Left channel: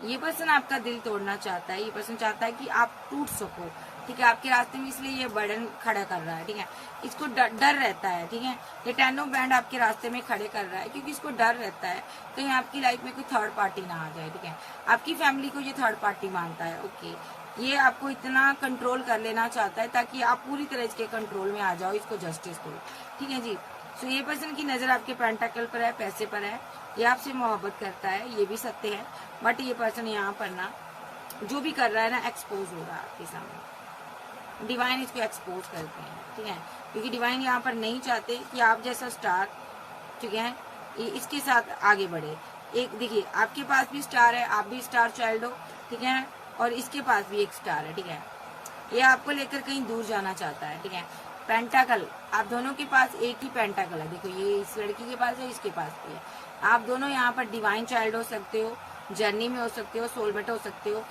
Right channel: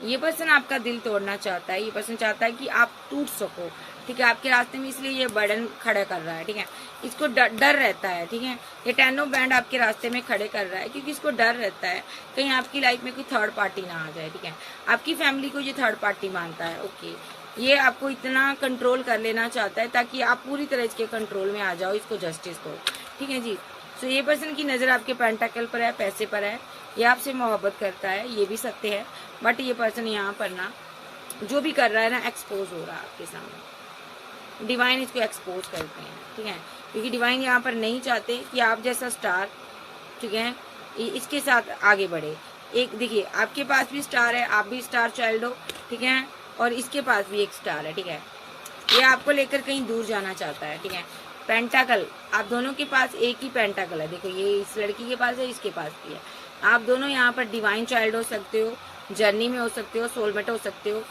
ये पर्सन आपका दिल तोड़ना चाहता है, ये पर्सन चाहता है कि आप टूट सको, ठीक है, आपके रास्ते में, इसलिए ये बर्डन खड़ा कर रहा है, ठीक है। इसको डर रहता है, ठीक है, ये 10 ऑफ बैंड आपके रास्ते में खड़े कर रहा है क्योंकि इसको डर रहता है कहीं आपकी लाइफ में कोई थर्ड पार्टी ना आ जाए, ठीक है। आपकी फैमिली को ये थर्ड पार्टी मानता है, ओके। ये आपको इतना कंट्रोल कर लेना चाहता है ताकि आप पूरी तरह इसके कंट्रोल में आ जाओ, इसको जस्टिस दो, ठीक है जी। सो ये पर्सन की नजर आपके पेंटाकल पर है, पैसे पर है, ये आपसे मोहब्बत करता है, ये भी सत्य है। बट ये पर्सन यहाँ पर ना जो भी कर रहा है ना, एक्सपोज हो रहा है आपके सामने। डिवाइन इसको एक्सपोज करते हैं, ठीक है, क्योंकि डिवाइन यहाँ पर नहीं चाहते कि आप जैसा स्टार, ठीक है, इसके साथ आगे बढ़े। एक देखिए, आपके पास भी स्टार है, आप भी स्टार चाइल्ड हो, ठीक है, और इसके पास भी एक स्टार है, ठीक है। ये आपको लेकर कहीं दूर जाना चाहता है, ठीक है। पेंटाकल, आप दोनों के पास एक ही पेंटाकल है, देखो ये इस लड़की के पास है, इसके पास भी है। आप दोनों यहाँ पर डिवाइन चाइल्ड हो सकते हो, जर्नी में हो सकते हो, सोलमेट हो सकते हो।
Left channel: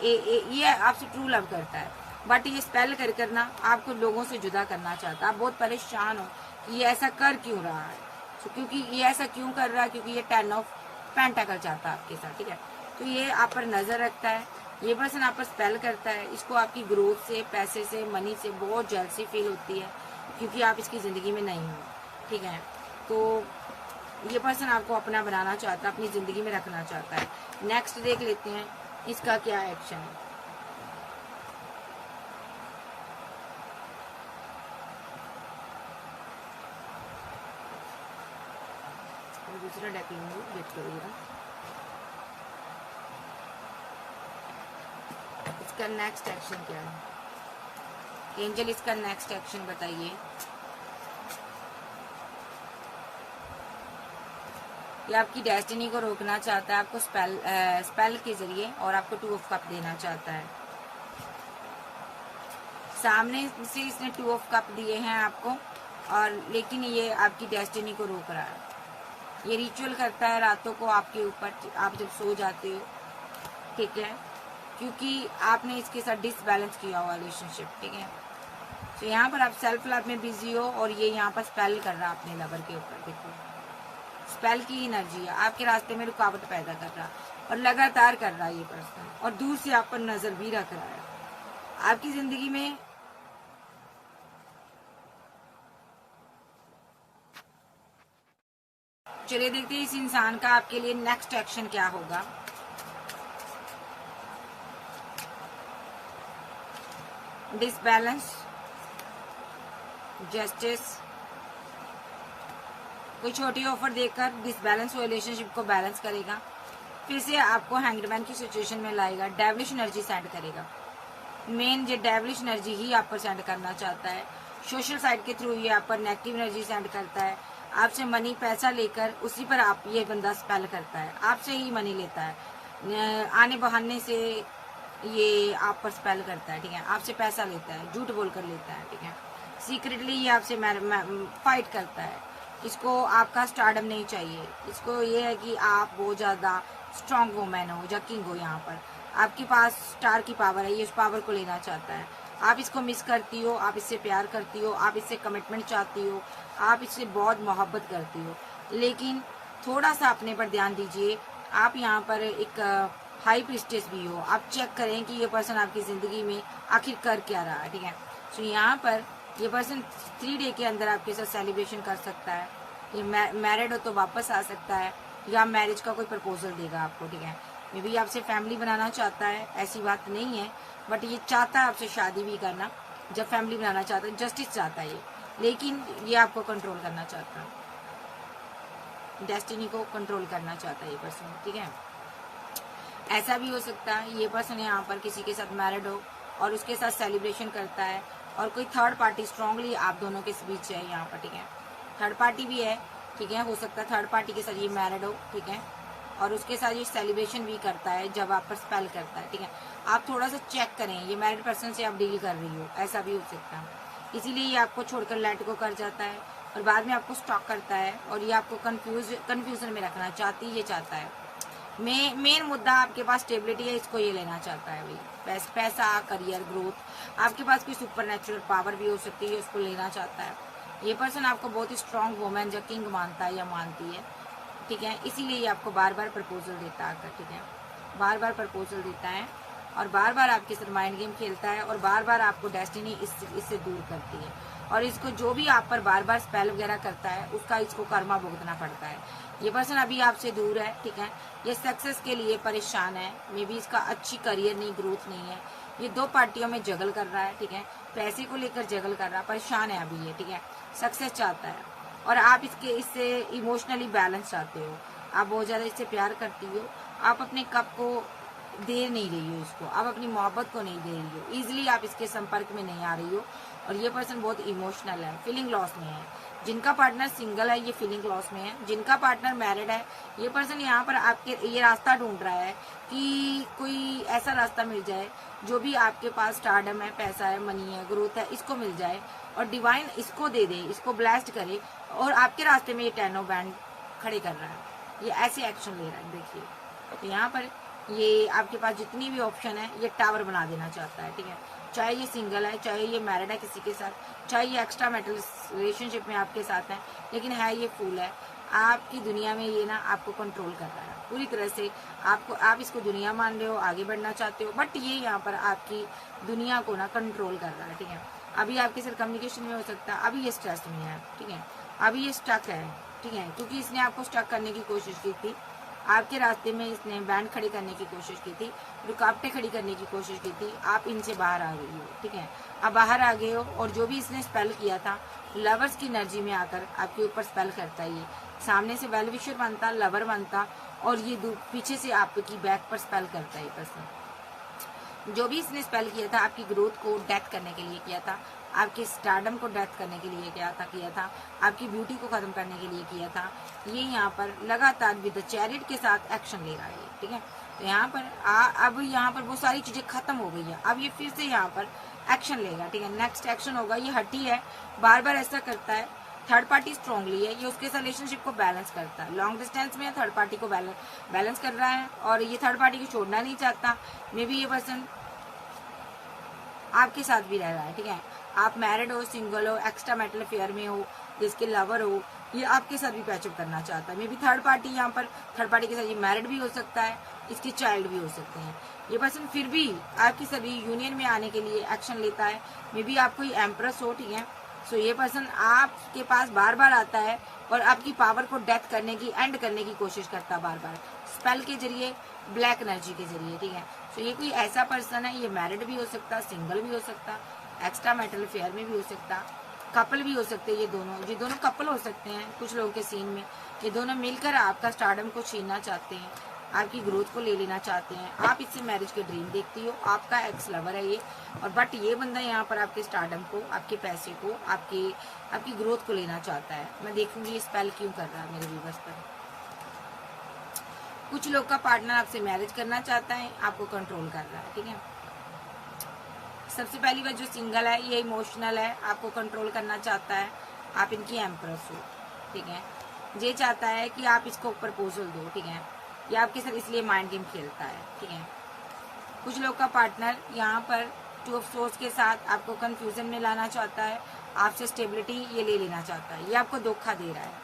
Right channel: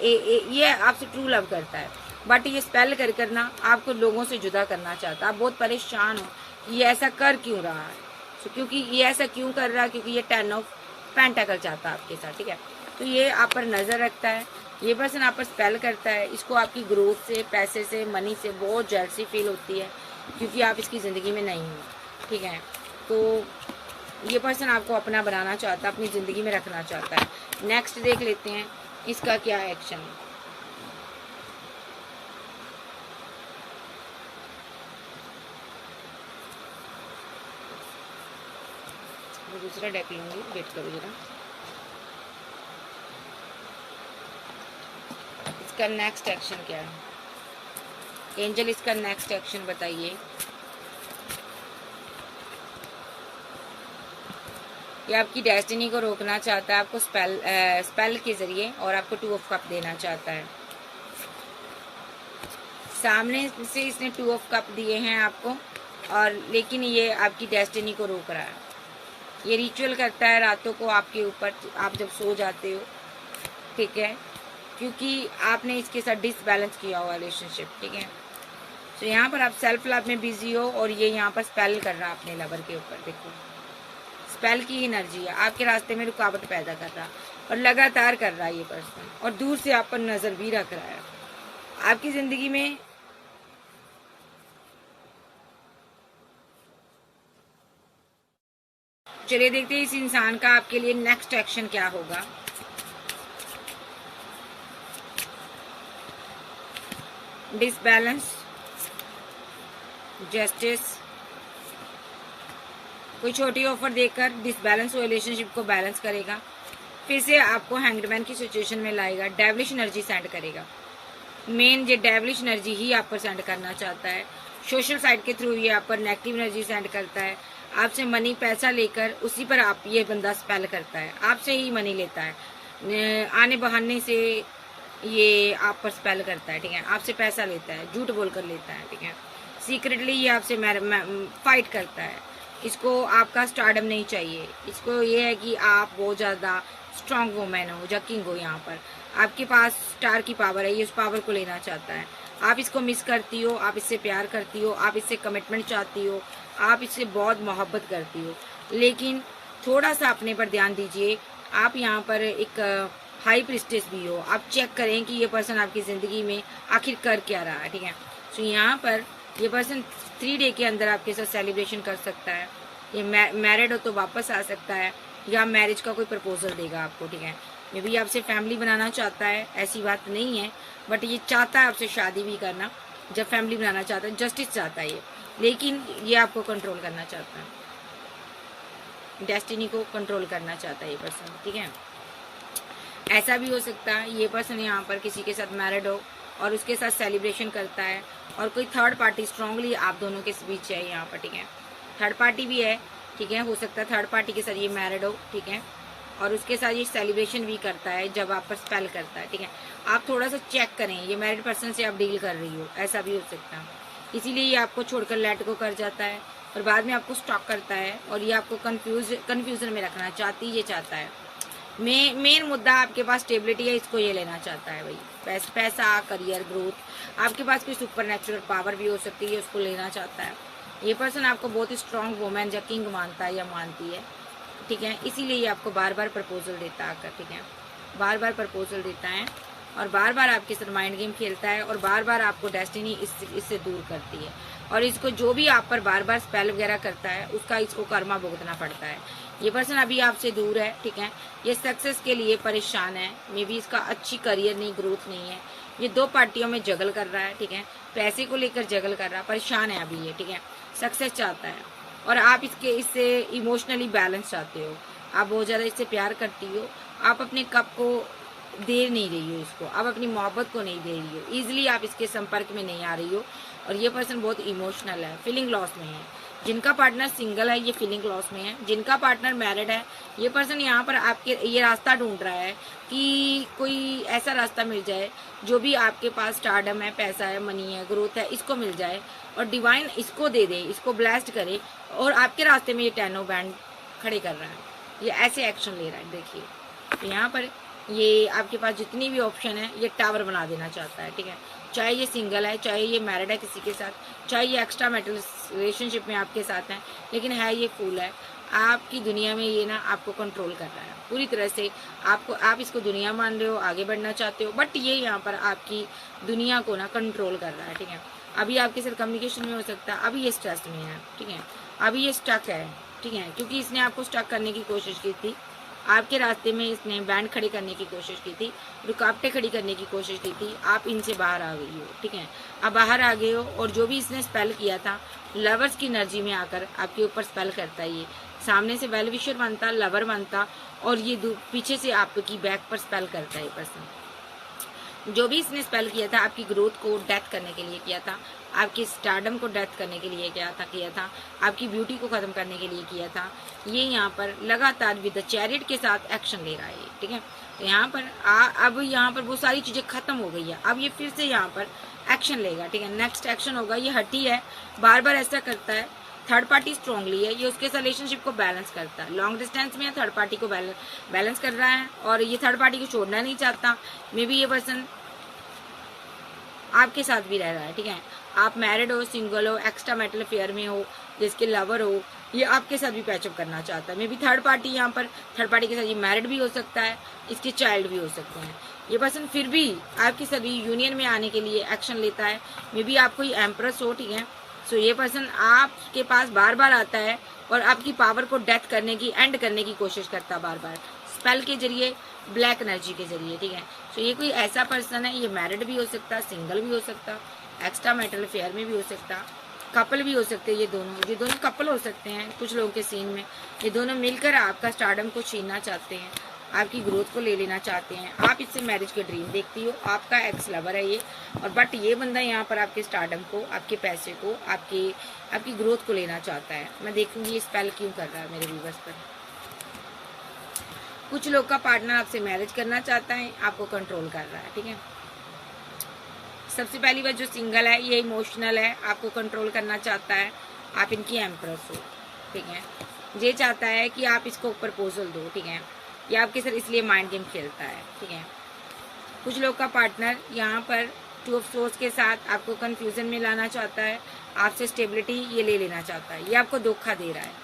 ये आपसे ट्रू लव करता है, बट ये स्पेल कर करना आपको लोगों से जुदा करना चाहता है। आप बहुत परेशान हो कि ये ऐसा कर क्यों रहा है, क्योंकि ये ऐसा क्यों कर रहा है, क्योंकि ये 10 ऑफ पेंटाकल चाहता है आपके साथ, ठीक है। तो ये आप पर नजर रखता है, ये पर्सन आप पर स्पेल करता है। इसको आपकी ग्रोथ से, पैसे से, मनी से बहुत जेलसी फील होती है क्योंकि आप इसकी जिंदगी में नहीं हो, ठीक है। तो ये पर्सन आपको अपना बनाना चाहता है, अपनी जिंदगी में रखना चाहता है। नेक्स्ट देख लेते हैं इसका क्या एक्शन है। दूसरा डेक लूंगी, वेट करो जरा। इसका नेक्स्ट एक्शन क्या है? एंजल, इसका नेक्स्ट एक्शन बताइए। ये आपकी डेस्टिनी को रोकना चाहता है, आपको स्पेल के जरिए, और आपको 2 ऑफ कप देना चाहता है। सामने से इसने 2 ऑफ कप दिए हैं आपको, और लेकिन ये आपकी डेस्टिनी को रोक रहा है। ये रिचुअल करता है रातों को आपके ऊपर, आप जब सो जाते हो, ठीक है, क्योंकि आपने इसके साथ डिसबैलेंस किया हुआ रिलेशनशिप, ठीक है। तो यहाँ पर आप सेल्फ लव में बिजी हो, और ये यहाँ पर स्पेल कर रहा है अपने लवर के ऊपर, देखिए स्पेल की एनर्जी है, आपके रास्ते में रुकावट पैदा कर रहा, और लगातार कर रहा है ये पर्सन, और दूर से आप पर नजर भी रख रहा है। आपकी जिंदगी में चलिए देखते हैं इस इंसान का आपके लिए नेक्स्ट एक्शन क्या होगा। डिसबैलेंस, जस्टिस, कोई छोटी ऑफर देकर डिसबैलेंस रिलेशनशिप को बैलेंस करेगा, फिर से आपको हैंगमैन की सिचुएशन में लाएगा, डेविलिश एनर्जी सेंड करेगा। मेन ये डेविलिश एनर्जी ही आप पर सेंड करना चाहता है। सोशल साइड के थ्रू ये आप पर नेगेटिव एनर्जी सेंड करता है, आपसे मनी पैसा लेकर उसी पर आप ये बंदा स्पेल करता है, आपसे ही मनी लेता है, आने बहाने से ये आप पर स्पेल करता है, ठीक है, आपसे पैसा लेता है, झूठ बोलकर लेता है, ठीक है, सीक्रेटली ये आपसे फाइट करता है। इसको आपका स्टारडम नहीं चाहिए, इसको ये है कि आप बहुत ज्यादा स्ट्रांग वुमेन हो, जकिंग हो, यहाँ पर आपके पास स्टार की पावर है, ये उस पावर को लेना चाहता है। आप इसको मिस करती हो, आप इससे प्यार करती हो, आप इससे कमिटमेंट चाहती हो, आप इससे बहुत मोहब्बत करती हो, लेकिन थोड़ा सा अपने पर ध्यान दीजिए। आप यहाँ पर एक हाई प्रिस्टेस भी हो, आप चेक करें कि ये पर्सन आपकी जिंदगी में आखिर कर क्या रहा है, ठीक है। तो यहाँ पर ये पर्सन 3 डे के अंदर आपके साथ सेलिब्रेशन कर सकता है। ये मैरिड हो तो वापस आ सकता है, या मैरिज का कोई प्रपोजल देगा आपको, ठीक है। मे भी आपसे फैमिली बनाना चाहता है, ऐसी बात नहीं है, बट ये चाहता है आपसे शादी भी करना। जब फैमिली बनाना चाहता है, जस्टिस चाहता है ये, लेकिन ये आपको कंट्रोल करना चाहता है, डेस्टिनी को कंट्रोल करना चाहता है ये पर्सन, ठीक है। ऐसा भी हो सकता है ये पर्सन यहाँ पर किसी के साथ मैरिड हो और उसके साथ सेलिब्रेशन करता है, और कोई थर्ड पार्टी स्ट्रांगली आप दोनों के बीच है यहाँ पर, ठीक है। थर्ड पार्टी भी है, ठीक है, हो सकता है थर्ड पार्टी के साथ ये मैरिड हो, ठीक है, और उसके साथ ये सेलिब्रेशन भी करता है जब आप पर स्पेल करता है, ठीक है। आप थोड़ा सा चेक करें, ये मैरिड पर्सन से आप डील कर रही हो, ऐसा भी हो सकता है। इसीलिए ये आपको छोड़कर लेट को कर जाता है, और बाद में आपको स्टॉक करता है, और ये आपको कंफ्यूजन में रखना ये चाहता है। मेन मुद्दा आपके पास स्टेबिलिटी है, इसको ये लेना चाहता है भाई, पैसा, करियर, ग्रोथ, आपके पास कोई सुपर नेचुरल पावर भी हो सकती है, उसको लेना चाहता है। ये पर्सन आपको बहुत ही स्ट्रांग वुमेन या किंग मानता है या मानती है, ठीक है, इसीलिए ये आपको बार बार प्रपोजल देता आकर, ठीक है। बार बार प्रपोजल देता है और बार बार आपके साथ माइंड गेम खेलता है और बार बार आपको डेस्टिनी इससे दूर करती है। और इसको जो भी आप पर बार बार स्पेल वगैरह करता है उसका इसको कर्मा भुगतना पड़ता है। ये पर्सन अभी आपसे दूर है, ठीक है। ये सक्सेस के लिए परेशान है, मे बी इसका अच्छी करियर नहीं, ग्रोथ नहीं है। ये दो पार्टियों में जगल कर रहा है, ठीक है। पैसे को लेकर जगल कर रहा है, परेशान है अभी ये, ठीक है। सक्सेस चाहता है और आप इससे इमोशनली बैलेंस चाहते हो। आप बहुत ज्यादा इससे प्यार करती हो, आप अपने कप को दे नहीं रही हो इसको, आप अपनी मोहब्बत को नहीं दे रही हो, इजिली आप इसके संपर्क में नहीं आ रही हो। और ये पर्सन बहुत इमोशनल है, फीलिंग लॉस में है। जिनका पार्टनर सिंगल है ये फीलिंग लॉस में है, जिनका पार्टनर मैरिड है ये पर्सन यहाँ पर आपके ये रास्ता ढूंढ रहा है कि कोई ऐसा रास्ता मिल जाए जो भी आपके पास स्टारडम है, पैसा है, मनी है, ग्रोथ है, इसको मिल जाए और डिवाइन इसको दे दे, इसको ब्लेस्ड करे। और आपके रास्ते में ये 10 ऑफ बैंड खड़े कर रहा है, ये ऐसे एक्शन ले रहा है। देखिए तो यहाँ पर ये आपके पास जितनी भी ऑप्शन है ये टावर बना देना चाहता है, ठीक है। चाहे ये सिंगल है, चाहे ये मैरिड है किसी के साथ, चाहे ये एक्स्ट्रा मैरिटल रिलेशनशिप में आपके साथ है, लेकिन है ये फूल है। आपकी दुनिया में ये ना आपको कंट्रोल कर रहा है पूरी तरह से। आप इसको दुनिया मान रहे हो, आगे बढ़ना चाहते हो, बट ये यहाँ पर आपकी दुनिया को ना कंट्रोल कर रहा है, ठीक है। अभी आपके साथ कम्युनिकेशन में हो सकता है, अभी ये स्ट्रेस में है, ठीक है। अभी ये स्टक है, ठीक है, क्योंकि इसने आपको स्टक करने की कोशिश की थी। आपके रास्ते में इसने बैंड खड़ी करने की कोशिश की थी, रुकावटें खड़ी करने की कोशिश की थी। आप इनसे बाहर आ गई हो, ठीक है। अब बाहर आ गए हो और जो भी इसने स्पेल किया था, लवर्स की एनर्जी में आकर आपके ऊपर स्पेल करता है। ये सामने से वेल विशर बनता, लवर बनता और ये पीछे से आपकी बैक पर स्पेल करता है। ये पर्सन जो भी इसने स्पेल किया था आपकी ग्रोथ को डेथ करने के लिए किया था, आपके स्टारडम को डेथ करने के लिए किया था, आपकी ब्यूटी को खत्म करने के लिए किया था। ये यहाँ पर लगातार विद चैरियट के साथ एक्शन ले रहा है, ठीक है। तो यहाँ पर अब यहाँ पर वो सारी चीजें खत्म हो गई है, अब ये फिर से यहाँ पर एक्शन लेगा, ठीक है। नेक्स्ट एक्शन होगा, ये हटी है, बार बार ऐसा करता है। थर्ड पार्टी स्ट्रांगली है, ये उसके रिलेशनशिप को बैलेंस करता है। लॉन्ग डिस्टेंस में थर्ड पार्टी को बैलेंस कर रहा है और ये थर्ड पार्टी को छोड़ना नहीं चाहता। मे बी ये पर्सन आपके साथ भी रह रहा है, ठीक है। आप मैरिड हो, सिंगल हो, एक्स्ट्रा मैरिटल अफेयर में हो, जिसके लवर हो, ये आपके साथ भी पैचअप करना चाहता है। मे बी थर्ड पार्टी यहाँ पर थर्ड पार्टी के साथ ये मैरिड भी हो सकता है, इसके चाइल्ड भी हो सकते हैं। ये पर्सन फिर भी आपकी सभी यूनियन में आने के लिए एक्शन लेता है। मे बी आप कोई एम्प्रेस हो, ठीक है। सो ये पर्सन आपके पास बार बार आता है और आपकी पावर को डेथ करने की, एंड करने की कोशिश करता है बार बार, स्पेल के जरिए, ब्लैक एनर्जी के जरिए, ठीक है। सो ये कोई ऐसा पर्सन है, ये मैरिड भी हो सकता, सिंगल भी हो सकता, एक्स्ट्रा मैरिटल अफेयर में भी हो सकता, कपल भी हो सकते हैं। ये दोनों कपल हो सकते हैं कुछ लोगों के सीन में। ये दोनों मिलकर आपका स्टारडम को छीनना चाहते हैं, आपकी ग्रोथ को ले लेना चाहते हैं। आप इससे मैरिज के ड्रीम देखती हो, आपका एक्स लवर है ये, और बट ये बंदा यहाँ पर आपके स्टारडम को, आपके पैसे को, आपकी ग्रोथ को लेना चाहता है। मैं देखूंगी ये स्पेल क्यों कर रहा है मेरे व्यूअर्स पर। कुछ लोग का पार्टनर आपसे मैरिज करना चाहता है, आपको कंट्रोल कर रहा है, ठीक है। सबसे पहली बात, जो सिंगल है ये इमोशनल है, आपको कंट्रोल करना चाहता है, आप इनकी एम्प्रेस हो, ठीक है। ये चाहता है कि आप इसको प्रपोजल दो, ठीक है। ये आपके साथ इसलिए माइंड गेम खेलता है, ठीक है। कुछ लोग का पार्टनर यहाँ पर 2 ऑफ सोर्स के साथ आपको कंफ्यूजन में लाना चाहता है, आपसे स्टेबिलिटी ये ले लेना चाहता है, ये आपको धोखा दे रहा है।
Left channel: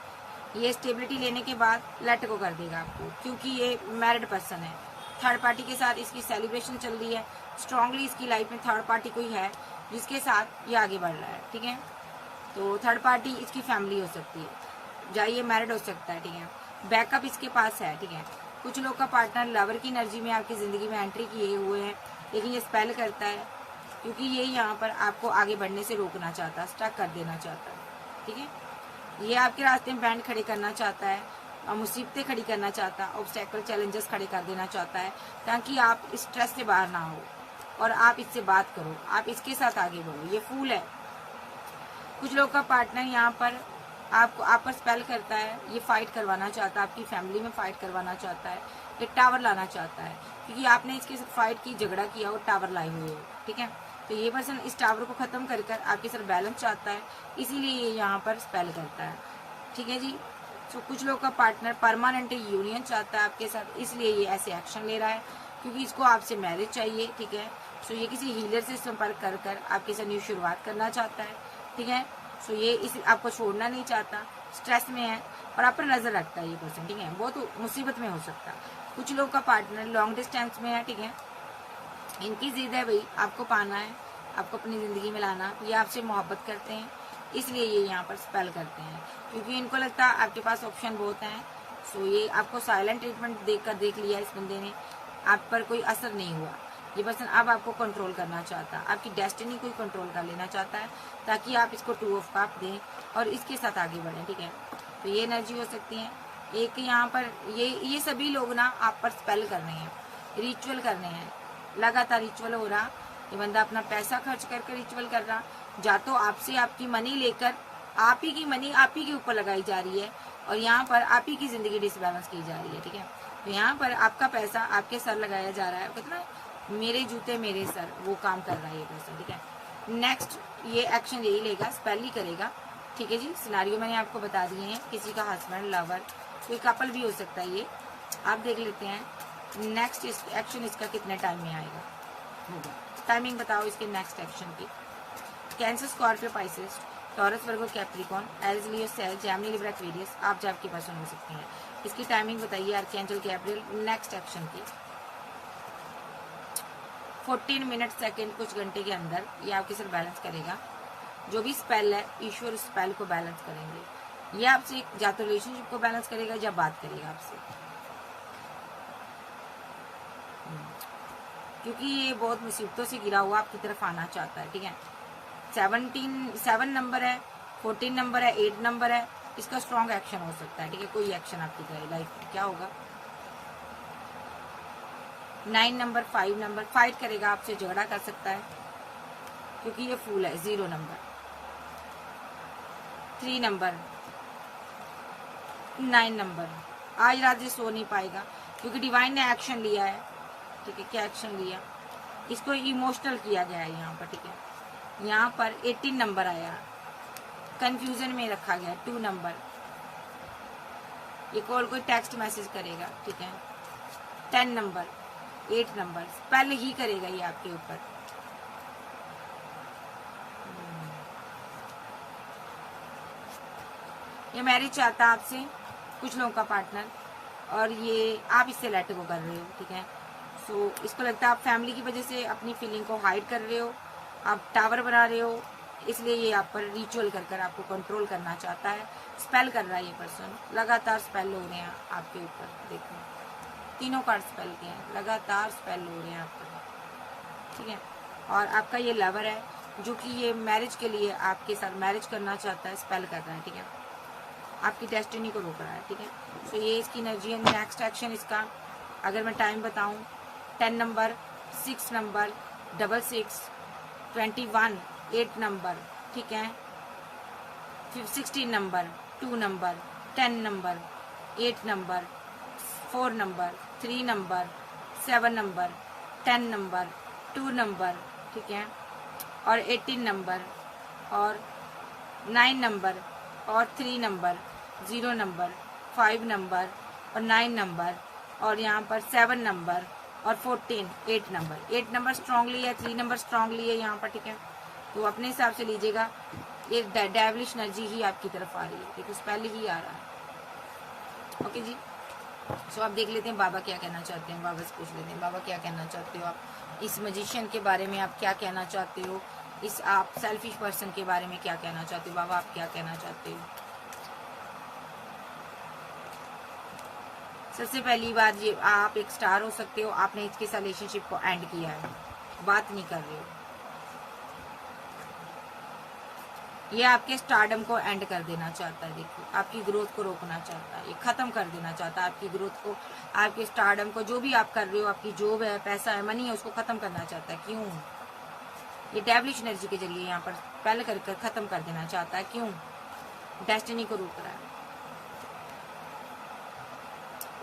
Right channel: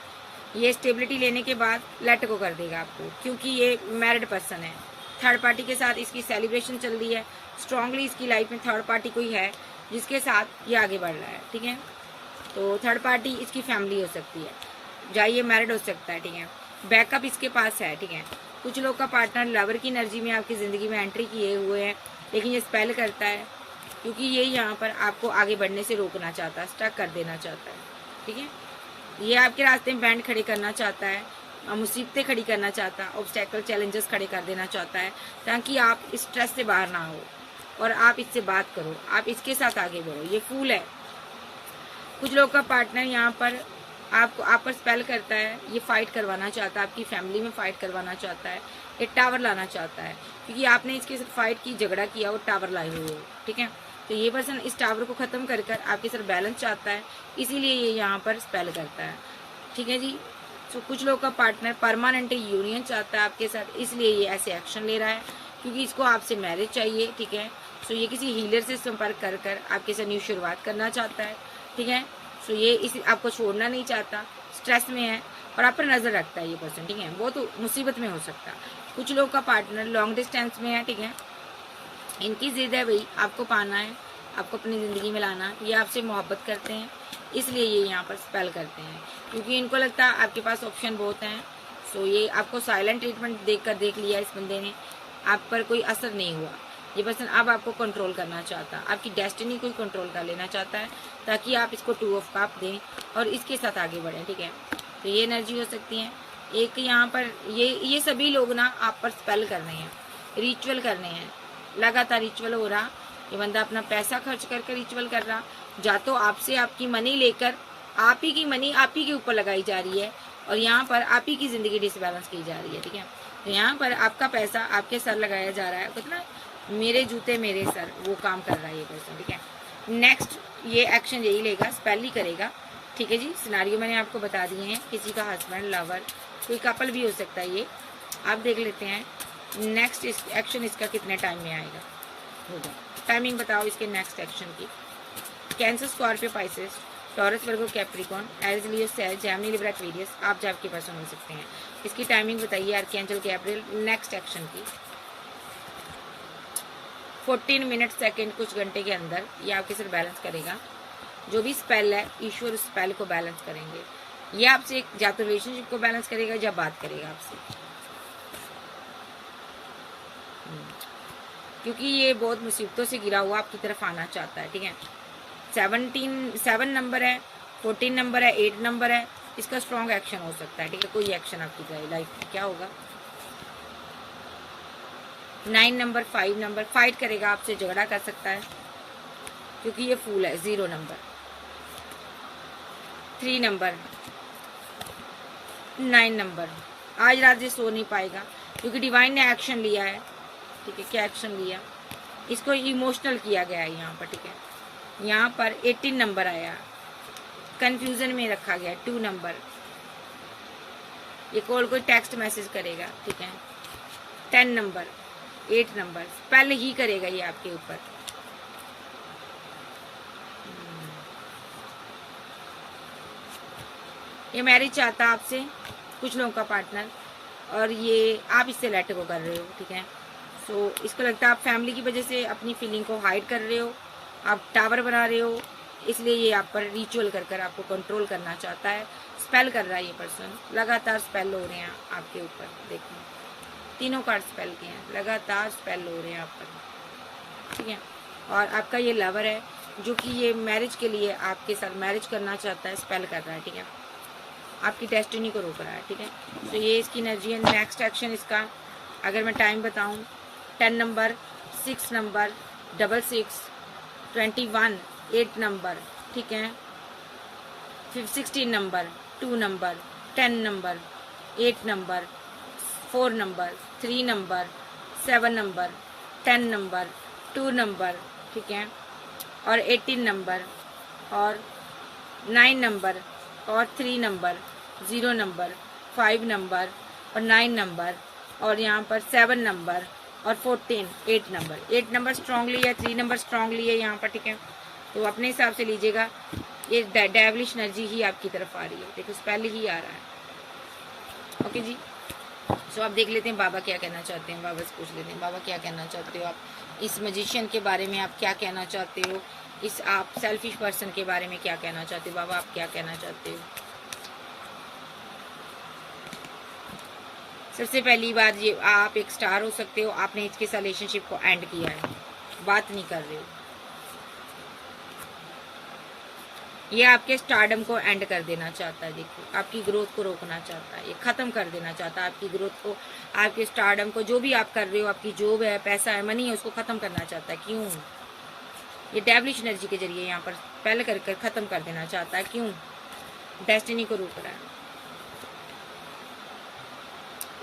ये स्टेबिलिटी लेने के बाद लेट को कर देगा आपको, क्योंकि ये मैरिड पर्सन है। थर्ड पार्टी के साथ इसकी सेलिब्रेशन चल रही है, स्ट्रांगली इसकी लाइफ में थर्ड पार्टी कोई है जिसके साथ ये आगे बढ़ रहा है, ठीक है। तो थर्ड पार्टी इसकी फैमिली हो सकती है, चाहे ये मैरिड हो सकता है, ठीक है। बैकअप इसके पास है, ठीक है। कुछ लोग का पार्टनर लवर की एनर्जी में आपकी जिंदगी में एंट्री किए हुए हैं, लेकिन ये स्पेल करता है क्योंकि ये यहाँ पर आपको आगे बढ़ने से रोकना चाहता है, स्टक कर देना चाहता है, ठीक है। ये आपके रास्ते में बैंड खड़े करना चाहता है, मुसीबतें खड़ी करना चाहता है, ऑब्स्टेकल चैलेंजेस खड़े कर देना चाहता है, ताकि आप इस स्ट्रेस से बाहर ना हो और आप इससे बात करो, आप इसके साथ आगे बढ़ो। ये फूल है। कुछ लोग का पार्टनर यहाँ पर आप पर स्पेल करता है, ये फाइट करवाना चाहता है, आपकी फैमिली में फाइट करवाना चाहता है, ये टावर लाना चाहता है, क्योंकि आपने इसके साथ फाइट की, झगड़ा किया, वो टावर लाए हुए हो, ठीक है। तो ये पर्सन इस टावर को खत्म कर आपके साथ बैलेंस चाहता है, इसीलिए ये यहाँ पर स्पेल करता है, ठीक है जी। तो कुछ लोग का पार्टनर परमानेंट यूनियन चाहता है आपके साथ, इसलिए ये ऐसे एक्शन ले रहा है, क्योंकि इसको आपसे मैरिज चाहिए, ठीक है। सो ये किसी हीलर से संपर्क कर आपके साथ न्यू शुरुआत करना चाहता है, ठीक है। सो ये आपको छोड़ना नहीं चाहता, स्ट्रेस में है, और आप पर नजर रखता है ये पर्सन, ठीक है। बहुत मुसीबत में हो सकता है। कुछ लोगों का पार्टनर लॉन्ग डिस्टेंस में है, ठीक है। इनकी जिद है भाई आपको पाना है, आपको अपनी जिंदगी में लाना, ये आपसे मोहब्बत करते हैं, इसलिए ये यहाँ पर स्पेल करते हैं, क्योंकि इनको लगता है आपके पास ऑप्शन बहुत हैं। सो ये आपको साइलेंट ट्रीटमेंट देख लिया इस बंदे ने, आप पर कोई असर नहीं हुआ। ये पर्सन अब आपको कंट्रोल करना चाहता है, आपकी डेस्टिनी को कंट्रोल कर लेना चाहता है, ताकि आप इसको 2 ऑफ कप दें और इसके साथ आगे बढ़ें, ठीक है। तो ये एनर्जी हो सकती है। एक यहाँ पर ये सभी लोग ना आप पर स्पेल करने हैं, रिचुअल करने हैं, लगातार रिचुअल हो रहा। ये बंदा अपना पैसा खर्च करके रिचुअल कर रहा, या तो आपसे आपकी मनी लेकर आप ही की मनी आप ही के ऊपर लगाई जा रही है, और यहाँ पर आप ही की जिंदगी डिसबैलेंस की जा रही है, ठीक है। तो यहाँ पर आपका पैसा आपके सर लगाया जा रहा है, मतलब मेरे जूते मेरे सर, वो काम कर रहा है ये पर्सन, ठीक है। नेक्स्ट ये एक्शन यही लेगा, स्पेल ही करेगा, ठीक है जी। सिनारियो मैंने आपको बता दिए हैं, किसी का हस्बैंड, लवर, कोई कपल भी हो सकता है ये, आप देख लेते हैं। नेक्स्ट एक्शन इसका कितने टाइम में आएगा होगा, टाइमिंग बताओ इसके नेक्स्ट एक्शन की। कैंसर, स्कॉर्पियो, पाइसेस, टॉरस, वर्गो, कैप्रिकॉन, एरिस, लियो, सेज, जेमिनी, लिब्रा, एक्वेरियस, आप जब के पर्सन हो सकते हैं। इसकी टाइमिंग बताइए आर्कैंजल गैब्रियल नेक्स्ट एक्शन की। 14 मिनट सेकेंड, कुछ घंटे के अंदर ये आपके सिर्फ बैलेंस करेगा। जो भी स्पेल है ईश्वर उस स्पेल को बैलेंस करेंगे। ये आपसे या तो रिलेशनशिप को बैलेंस करेगा या बात करेगा आपसे, क्योंकि ये बहुत मुसीबतों से गिरा हुआ आपकी तरफ आना चाहता है, ठीक है। 7 नंबर है, 14 नंबर है, 8 नंबर है, इसका स्ट्रॉन्ग एक्शन हो सकता है, ठीक है। कोई एक्शन आपकी लाइफ में क्या होगा। 9 नंबर, 5 नंबर, फाइट करेगा आपसे, झगड़ा कर सकता है, क्योंकि ये फूल है। 0 नंबर, 3 नंबर, 9 नंबर, आज रात ये सो नहीं पाएगा, क्योंकि डिवाइन ने एक्शन लिया है, ठीक है। क्या एक्शन लिया, इसको इमोशनल किया गया है यहाँ पर, ठीक है। यहाँ पर 18 नंबर आया, कंफ्यूजन में रखा गया। 2 नंबर, ये कॉल कोई टेक्स्ट मैसेज करेगा, ठीक है। 10 नंबर, 8 नंबर, पहले ही करेगा ये आपके ऊपर। ये मैरिज चाहता आपसे, कुछ लोगों का पार्टनर, और ये आप इससे लेट गो कर रहे हो, ठीक है। तो इसको लगता है आप फैमिली की वजह से अपनी फीलिंग को हाइड कर रहे हो, आप टावर बना रहे हो, इसलिए ये आप पर रिचुअल कर आपको कंट्रोल करना चाहता है, स्पेल कर रहा है ये पर्सन। लगातार स्पेल हो रहे हैं आपके ऊपर, देखो तीनों कार्ड स्पेल किए हैं, लगातार स्पेल हो रहे हैं आप पर, ठीक है। और आपका ये लवर है जो कि ये मैरिज के लिए आपके साथ मैरिज करना चाहता है, स्पेल कर रहा है, ठीक है। आपकी डेस्टिनी को रोक रहा है, ठीक है। तो ये इसकी एनर्जी है। नेक्स्ट एक्शन इसका अगर मैं टाइम बताऊं, 10 नंबर, 6 नंबर, 66, 21, 8 नंबर, ठीक है। 16 number, 2 number, 10 number, 8 number, 4 number, 3 number, 7 number, 10 number, 2 number, ठीक है। और 18 नंबर, और 9 नंबर, और 3 नंबर, 0 नंबर, 5 नंबर, और 9 नंबर, और यहाँ पर 7 नंबर, और 14, 8 नंबर। 8 नंबर स्ट्रांगली है, 3 नंबर स्ट्रांगली है यहाँ पर, ठीक है। तो अपने हिसाब से लीजिएगा, ये डेविलिश एनर्जी ही आपकी तरफ आ रही है, देखो पहले ही आ रहा है। ओके जी, सो आप देख लेते हैं बाबा क्या कहना चाहते हैं। बाबा से पूछ लेते हैं, बाबा क्या कहना चाहते हो आप इस मजिशियन के बारे में, आप क्या कहना चाहते हो, इस आप सेल्फिश पर्सन के बारे में क्या कहना चाहते हो। बाबा आप क्या कहना चाहते हो। सबसे पहली बात, ये आप एक स्टार हो सकते हो, आपने इसके रिलेशनशिप को एंड किया है, बात नहीं कर रहे हो। ये आपके स्टारडम को एंड कर देना चाहता है, देखो आपकी ग्रोथ को रोकना चाहता है, ये खत्म कर देना चाहता है आपकी ग्रोथ को, आपके स्टारडम को। जो भी आप कर रहे हो, आपकी जॉब है, पैसा है, मनी है, उसको खत्म करना चाहता है। क्यों, ये डेविलिश एनर्जी के जरिए यहाँ पर पहले कर खत्म कर देना चाहता है। क्यों, डेस्टिनी को रोक रहा है।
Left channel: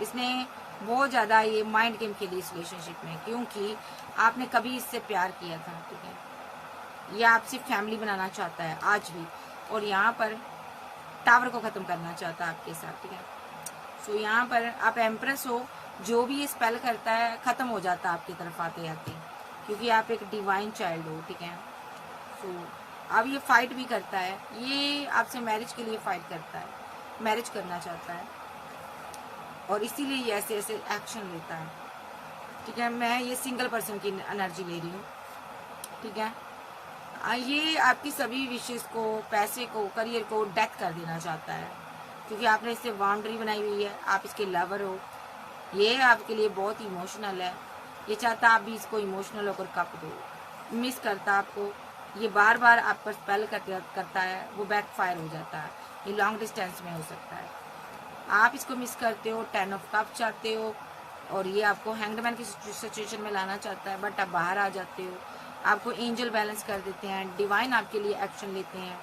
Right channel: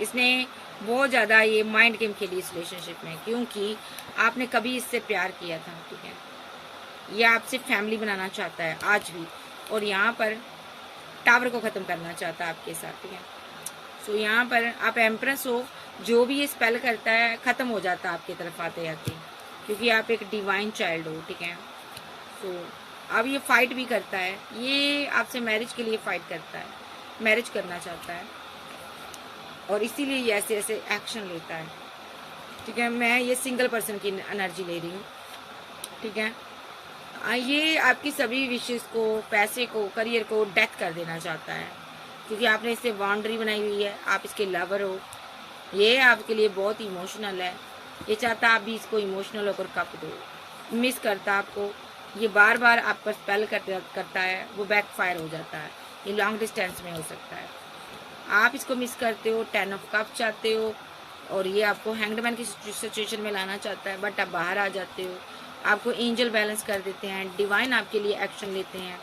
इसने बहुत ज्यादा ये माइंड गेम खेली इस रिलेशनशिप में, क्योंकि आपने कभी इससे प्यार किया था, ठीक है। ये आपसे फैमिली बनाना चाहता है आज भी, और यहाँ पर टावर को खत्म करना चाहता है आपके साथ, ठीक है। सो यहाँ पर आप एम्प्रेस हो, जो भी ये स्पेल करता है खत्म हो जाता है आपकी तरफ आते जाते, क्योंकि आप एक डिवाइन चाइल्ड हो, ठीक है। सो अब ये फाइट भी करता है, ये आपसे मैरिज के लिए फाइट करता है, मैरिज करना चाहता है और इसीलिए ये ऐसे ऐसे एक्शन लेता है। ठीक है, मैं ये सिंगल पर्सन की एनर्जी ले रही हूँ। ठीक है, ये आपकी सभी विशेष को, पैसे को, करियर को डेथ कर देना चाहता है, क्योंकि आपने इससे बाउंड्री बनाई हुई है। आप इसके लवर हो, ये आपके लिए बहुत इमोशनल है। ये चाहता आप भी इसको इमोशनल होकर कप दो, मिस करता आपको। ये बार बार आप पर स्पेल करता है, वो बैकफायर हो जाता है। ये लॉन्ग डिस्टेंस में हो सकता है। आप इसको मिस करते हो, 10 ऑफ कप चाहते हो, और ये आपको हैंगडमैन की सिचुएशन में लाना चाहता है, बट आप बाहर आ जाते हो। आपको एंजल बैलेंस कर देते हैं, डिवाइन आपके लिए एक्शन लेते हैं।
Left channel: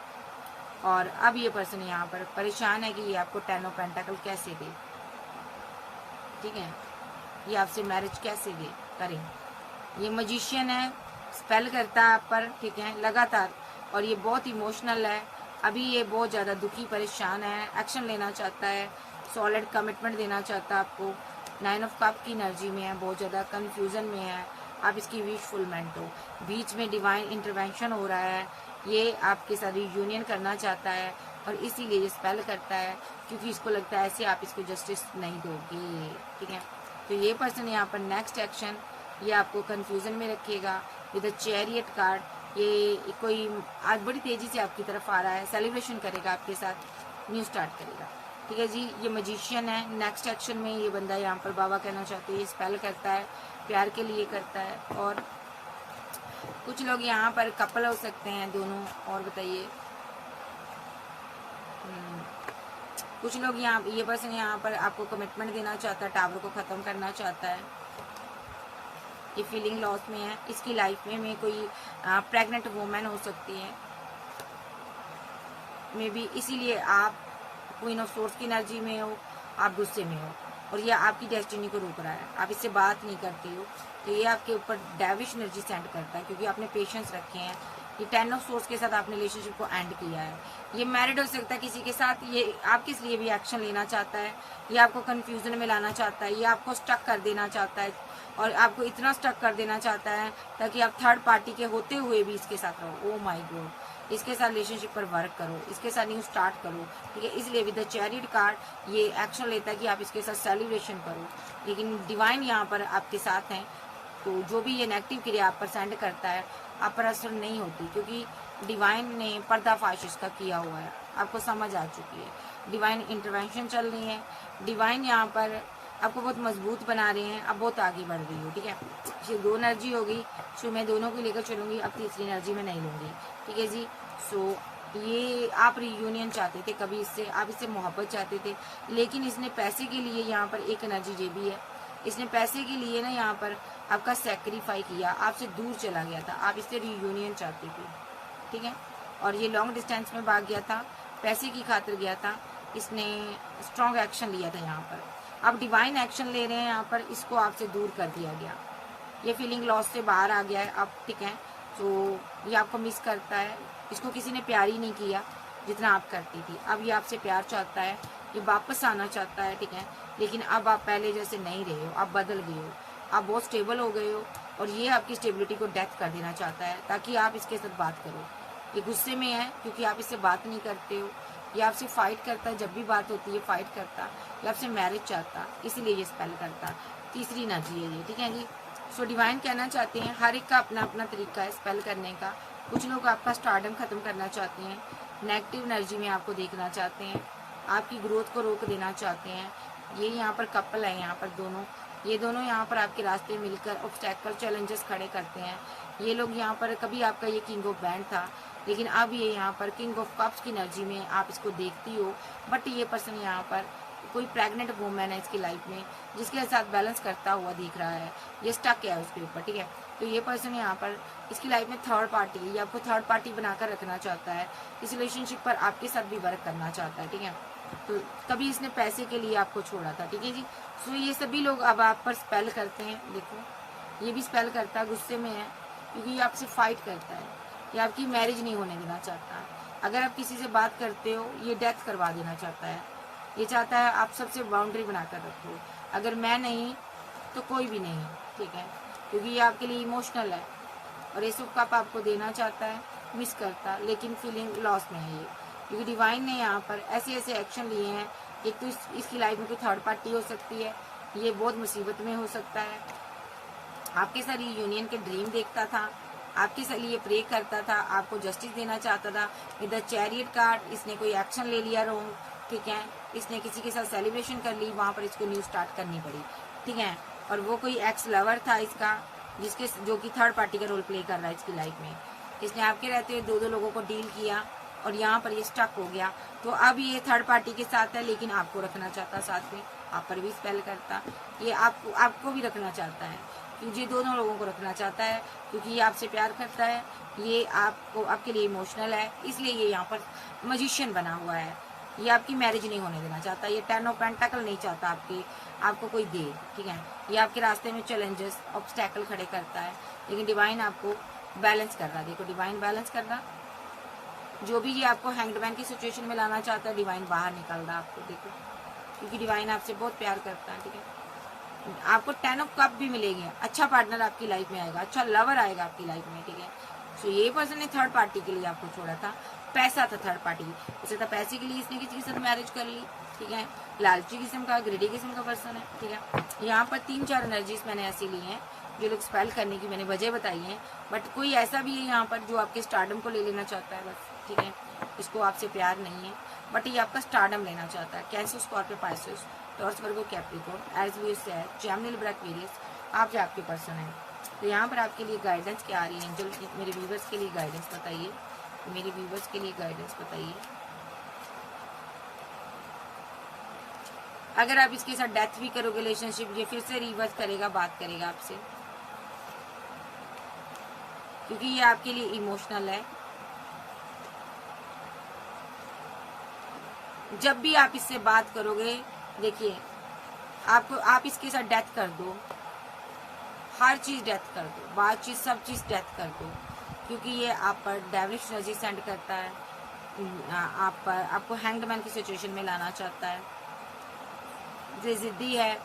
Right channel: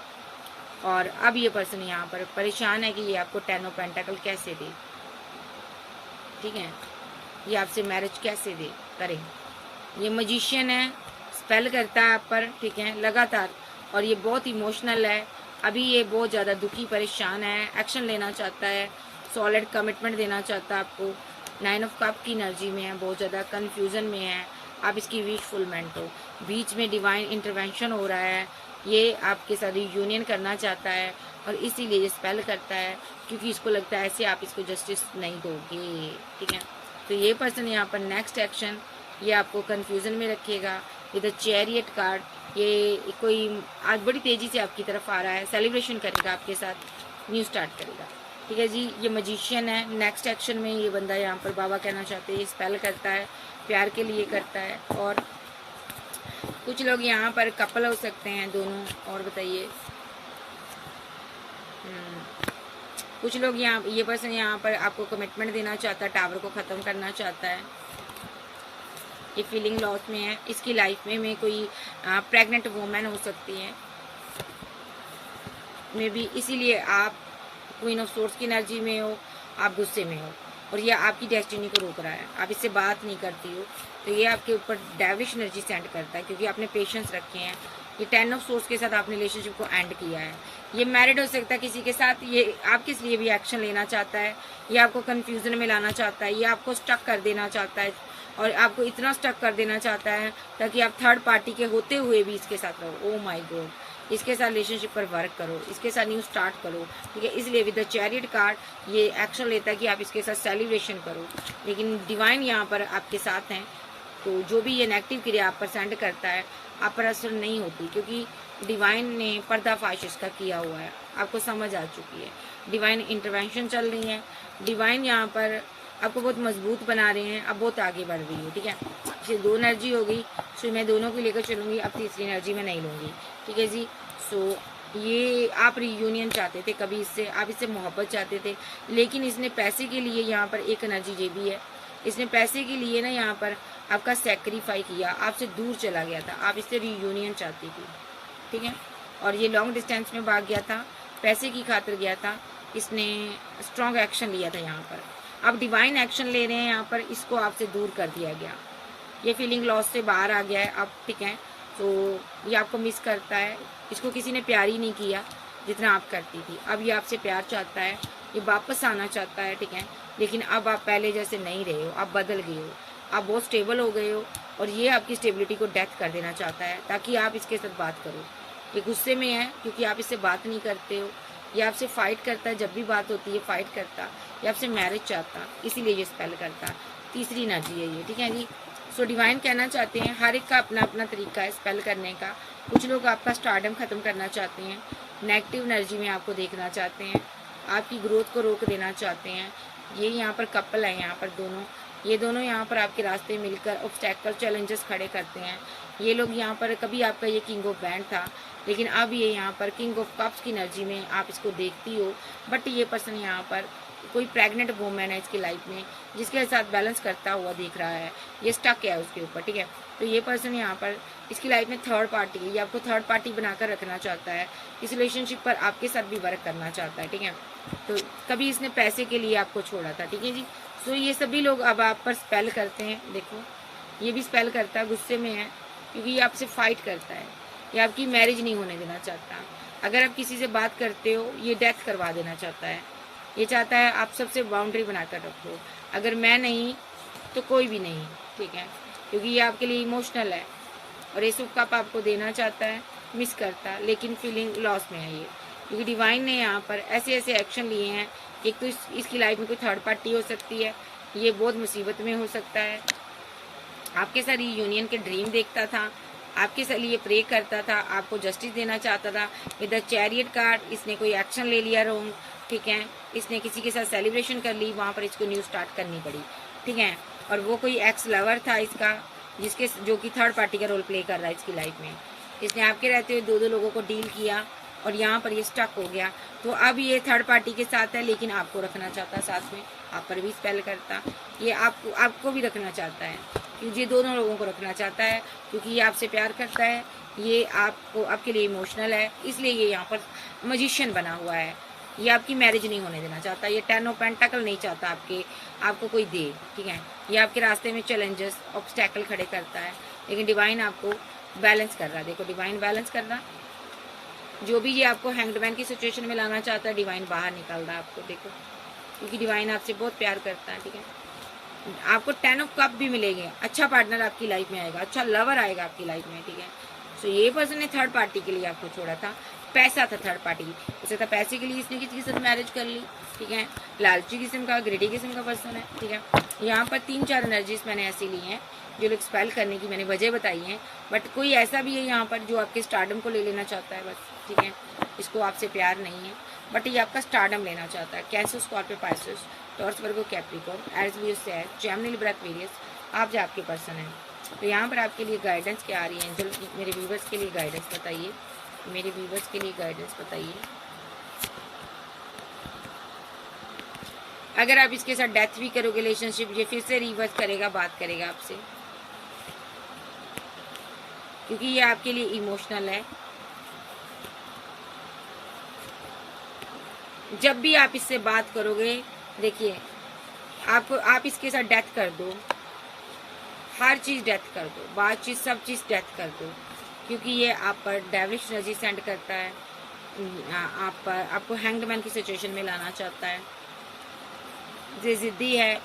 और अब ये पर्सन यहाँ पर परेशान है कि ये आपको 10 ऑफ पेंटाकल कैसे दे। ठीक है, ये आपसे मैरिज कैसे दे करे। ये मजिशियन है, स्पेल करता है आप पर, ठीक है, लगातार, और ये बहुत इमोशनल है। अभी ये बहुत ज़्यादा दुखी परेशान है, एक्शन लेना चाहता है, सॉलिड कमिटमेंट देना चाहता है आपको। 9 ऑफ कप की एनर्जी में है, बहुत ज़्यादा कन्फ्यूज़न में है। आप इसकी विशफुलमेंट हो, बीच में डिवाइन इंटरवेंशन हो रहा है। ये आपके साथ यूनियन करना चाहता है और इसीलिए ये स्पेल करता है, क्योंकि इसको लगता है ऐसे आप इसको जस्टिस नहीं दोगे। ठीक है, तो ये पर्सन यहाँ पर नेक्स्ट एक्शन ये आपको कंफ्यूजन में रखेगा विद द चैरियट कार्ड। ये कोई आज बड़ी तेजी से आपकी तरफ आ रहा है, सेलिब्रेशन करेगा आपके साथ, न्यू स्टार्ट करेगा। ठीक है जी, ये मजिशियन है। नेक्स्ट एक्शन में ये बंदा यहाँ पर बाबा कहना चाहते हैं, ये स्पेल करता है, प्यार के लिए करता है। और कुछ लोग यहाँ पर कपल हो सकते हैं दोनों। और बताइए, कुछ लोग यहाँ, ये पर्सन यहाँ पर आपको कमिटमेंट देना चाहता है, टावर को ख़त्म करना चाहता है। ये फीलिंग लॉस में है। इसकी लाइफ में कोई प्रेग्नेंट वुमेन हो सकती है, मे बी इसीलिए आप क्वीन ऑफ सोर्स की एनर्जी में हो, आप गुस्से में हो, और ये आपकी डेस्टिनी को रोक रहा है। आप इससे बात नहीं करती हो, तो ये आपके ऊपर डेविश एनर्जी सेंड करता है, क्योंकि आपने पेशेंस रखे हैं। ये 10 ऑफ सोर्स के साथ आपने रिलेशनशिप को एंड किया है। ये मैरिड हो सकता है किसी के साथ, ये आपके लिए भी एक्शन लेना चाहता है, ये आपको कंफ्यूजन में लाना चाहता है, ये आपको स्टक कर देना चाहता है, और आपको इतना स्टक कर देना चाहता है ताकि आप थर्ड पार्टी के होते हुए भी इसके साथ रहो। ओ माय गॉड, इसके साथ रिलेशनशिप पर वर्क करो, इसके साथ न्यू स्टार्ट करो। ठीक है, इसलिए विद द चैरियट कार्ड ये एक्शन लेता है कि आप इसके साथ सेलिब्रेशन करो। लेकिन डिवाइन यहाँ पर आपके साथ हैं, तो जो भी ये नेगेटिव क्रिया आप पर सेंड करता है आप पर असर नहीं होती, क्योंकि डिवाइन ने पर्दाफाश इसका किया हुआ है, आपको समझ आ चुकी है। डिवाइन इंटरवेंशन चल रही है, डिवाइन यहाँ पर आपको बहुत मजबूत बना रहे हैं, अब बहुत आगे बढ़ रही है। ठीक है, ये 2 एनर्जी हो गई, सो मैं दोनों को लेकर चलूंगी, अब तीसरी एनर्जी में नहीं लूंगी। ठीक है जी, सो ये आप रियूनियन चाहते थे कभी इससे, आप इससे मोहब्बत चाहते थे, लेकिन इसने पैसे के लिए यहाँ पर एक एनर्जी ये भी है, इसने पैसे के लिए ना यहाँ पर आपका सेक्रीफाई किया, आपसे दूर चला गया था, आप इससे रियूनियन चाहती थी। ठीक है, और ये लॉन्ग डिस्टेंस में भाग गया था, पैसे की खातिर गया था, इसने स्ट्रॉन्ग एक्शन लिया था यहाँ पर। अब डिवाइन एक्शन ले रहे हैं यहाँ पर, इसको आपसे दूर कर दिया गया, ये फीलिंग लॉस से बाहर आ गया है अब। ठीक है, तो ये आपको मिस करता है, इसको किसी ने प्यार ही नहीं किया जितना आप करती थी। अब ये आपसे प्यार चाहता है, ये वापस आना चाहता है। ठीक है, लेकिन अब आप पहले जैसे नहीं रहे हो, आप बदल गए हो, आप बहुत स्टेबल हो गए हो, और ये आपकी स्टेबिलिटी को डेथ कर देना चाहता है ताकि आप इसके साथ बात करो। ये गुस्से में है क्योंकि आप इससे बात नहीं करते हो, ये आपसे फाइट करता है, जब भी बात होती है फाइट करता, ये आपसे मैरिज चाहता, इसीलिए ये स्पेल करता। तीसरी एनर्जी है ये। ठीक है जी, सो डिवाइन कहना चाहते हैं हर एक का अपना अपना तरीका है स्पेल करने का। कुछ लोग आपका स्टारडम खत्म करना चाहते हैं, नेगेटिव एनर्जी में आपको देखना चाहते हैं, आपकी ग्रोथ को रोक देना चाहते हैं। ये यहाँ पर कपल है, यहाँ पर दोनों, ये दोनों यहाँ पर आपके रास्ते मिलकर ऑब्स्टेकल चैलेंजेस खड़े करते हैं। ये लोग यहाँ पर, कभी आपका ये किंग ऑफ बैंड था, लेकिन अब ये यहाँ पर किंग ऑफ कप्स की एनर्जी में आप इसको देखती हो, बट ये पर्सन यहाँ पर कोई प्रेग्नेंट वूमेन है इसकी लाइफ में, जिसके साथ बैलेंस करता हुआ दिख रहा है, ये स्टक है उसके ऊपर। ठीक है, तो ये पर्सन यहाँ पर इसकी लाइफ में थर्ड पार्टी, ये आपको थर्ड पार्टी बनाकर रखना चाहता है, इस रिलेशनशिप पर आपके साथ भी वर्क करना चाहता है। ठीक है, तो कभी इसने पैसे के लिए आपको छोड़ा था। ठीक है जी, सो ये सभी लोग अब आप पर स्पेल करते हैं। देखो, ये भी स्पेल करता है, गुस्से में है क्योंकि ये आपसे फाइट करता है, ये आपकी मैरिज नहीं होने देना चाहता। अगर आप किसी से बात करते हो, ये डेथ करवा देना चाहता है, ये चाहता है आप सबसे बाउंड्री बनाकर रखो, अगर मैं नहीं तो कोई भी नहीं। ठीक है, क्योंकि ये आपके लिए इमोशनल है और ये सब कप आपको देना चाहता है, मिस करता, लेकिन फीलिंग लॉस में है ये, क्योंकि डिवाइन ने यहाँ पर ऐसे ऐसे एक्शन लिए हैं। एक तो इसकी लाइफ में कोई थर्ड पार्टी हो सकती है, ये बहुत मुसीबत में हो सकता है, आपके साथ ये यूनियन के ड्रीम देखता था, आपके साथ ये प्रे करता था, आपको जस्टिस देना चाहता था। विद द चैरियट कार्ड इसने कोई एक्शन ले लिया रॉन्ग, ठीक है, इसने किसी के साथ सेलिब्रेशन कर ली, वहां पर इसको न्यू स्टार्ट करनी पड़ी, ठीक है। और वो कोई एक्स लवर था इसका, जिसके जो कि थर्ड पार्टी का रोल प्ले कर रहा है इसकी लाइफ में। इसने आपके रहते हुए दो लोगों को डील किया और यहाँ पर ये स्टक हो गया। तो अब ये थर्ड पार्टी के साथ है, लेकिन आपको रखना चाहता साथ में, आप पर भी स्पेल करता, ये आपको भी रखना चाहता है, क्योंकि ये दोनों लोगों को रखना चाहता है, क्योंकि ये आपसे प्यार करता है, ये आपके लिए इमोशनल है, इसलिए ये यहाँ पर मजिशियन बना हुआ है। ये आपकी मैरिज नहीं होने देना चाहता, ये 10 ऑफ पेंटाकल नहीं चाहता आपको कोई दे, ठीक है। ये आपके रास्ते में चैलेंजेस ऑब्स्टैकल खड़े करता है, लेकिन डिवाइन आपको बैलेंस कर रहा है। देखो डिवाइन बैलेंस कर रहा, जो भी ये आपको हैंगमैन की सिचुएशन में लाना चाहता है, डिवाइन बाहर निकाल रहा है आपको, देखो, क्योंकि डिवाइन आपसे बहुत प्यार करता है, ठीक है। आपको 10 ऑफ कप भी मिलेंगे, अच्छा पार्टनर आपकी लाइफ में आएगा, अच्छा लवर आएगा आपकी लाइफ में, ठीक है। तो ये पर्सन ने थर्ड पार्टी के लिए आपको छोड़ा था, पैसा था थर्ड पार्टी, उसे था पैसे के लिए इसने किसी के साथ मैरिज कर ली, ठीक है। लालची किस्म का, ग्रेडी किस्म का पर्सन है, ठीक है। यहाँ पर 3-4 एनर्जीज मैंने ऐसी ली हैं जो लोग स्पेल करने की मैंने वजह बताई है, बट कोई ऐसा भी है यहाँ पर जो आपके स्टारडम को ले लेना चाहता है बस, ठीक है। इसको आपसे प्यार नहीं है, बट ये आपका स्टारडम लेना चाहता है। कैंसर, स्कॉर्पियो, पाइसेस, टॉरस, वर्गो, कैप्रिकॉर्न, एज लियो, सैज, जेमिनी, लिब्रा, एक्वेरियस, आप जो आपके पर्सन है। तो यहाँ पर आपके लिए गाइडेंस क्या आ रही है एंजल, मेरे व्यूवर्स के लिए गाइडेंस बताइए, मेरे व्यूवर्स के लिए गाइडेंस बताइए। अगर आप इसके साथ डेथ भी करोगे रिलेशनशिप, ये फिर से रिवर्स करेगा, बात करेगा आपसे, क्योंकि ये आपके लिए इमोशनल है। जब भी आप इससे बात करोगे, देखिए आप इसके साथ डेथ कर दो, हर चीज डेथ कर दो, बातचीत सब चीज डेथ कर दो, क्योंकि ये आप पर डेविलिश एनर्जी सेंड करता है, आपको हैंगमैन की सिचुएशन में लाना चाहता है, ये जिद्दी है,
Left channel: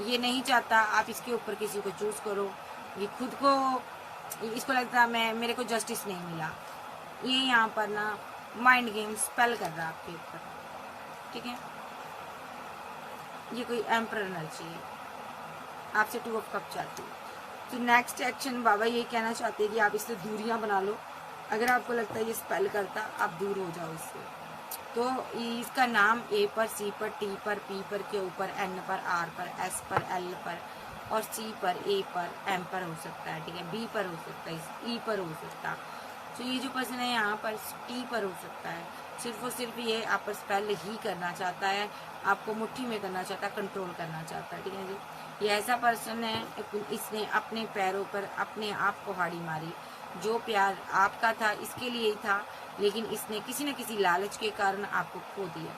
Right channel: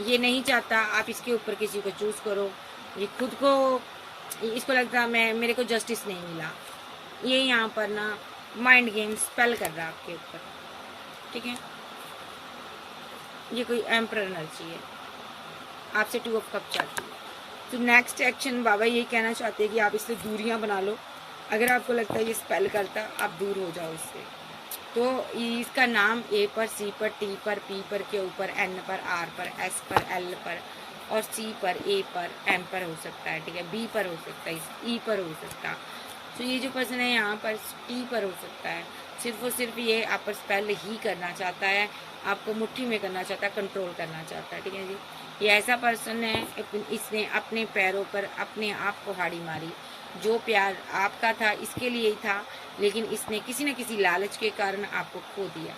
ये नहीं चाहता आप इसके ऊपर किसी को चूज करो, ये खुद को, इसको लगता है मेरे को जस्टिस नहीं मिला, ये यहाँ पर ना माइंड गेम स्पेल कर रहा है आपके ऊपर, ठीक है। ये कोई एम्परर एनर्जी है, आपसे 2 ऑफ कप चाहती है। तो नेक्स्ट एक्शन बाबा यही कहना चाहते हैं कि आप इससे दूरियां बना लो। अगर आपको लगता है ये स्पेल करता, आप दूर हो जाओ इससे। तो इसका नाम ए पर, सी पर, टी पर, पी पर, के ऊपर, एन पर, आर पर, एस पर, एल पर और सी पर, ए पर, एम पर हो सकता है, ठीक है, बी पर हो सकता है, ई पर हो सकता है। तो ये जो पर्सन है यहाँ पर टी पर हो सकता है। सिर्फ और सिर्फ ये आप पर स्पेल ही करना चाहता है, आपको मुट्ठी में करना चाहता है, कंट्रोल करना चाहता है, ठीक है जी। ये ऐसा पर्सन है, इसने अपने पैरों पर अपने आप को हाड़ी मारी। जो प्यार आपका था इसके लिए ही था, लेकिन इसने किसी न किसी लालच के कारण आपको खो दिया,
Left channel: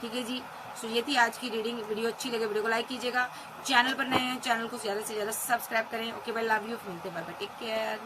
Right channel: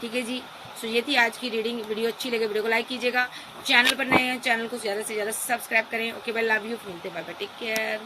ठीक है जी। सो ये थी आज की रीडिंग। वीडियो अच्छी लगे वीडियो को लाइक कीजिएगा, चैनल पर नए हैं चैनल को ज़्यादा से ज़्यादा सब्सक्राइब करें। ओके बाय, लव यू, मिलते बाय बाय, टेक केयर।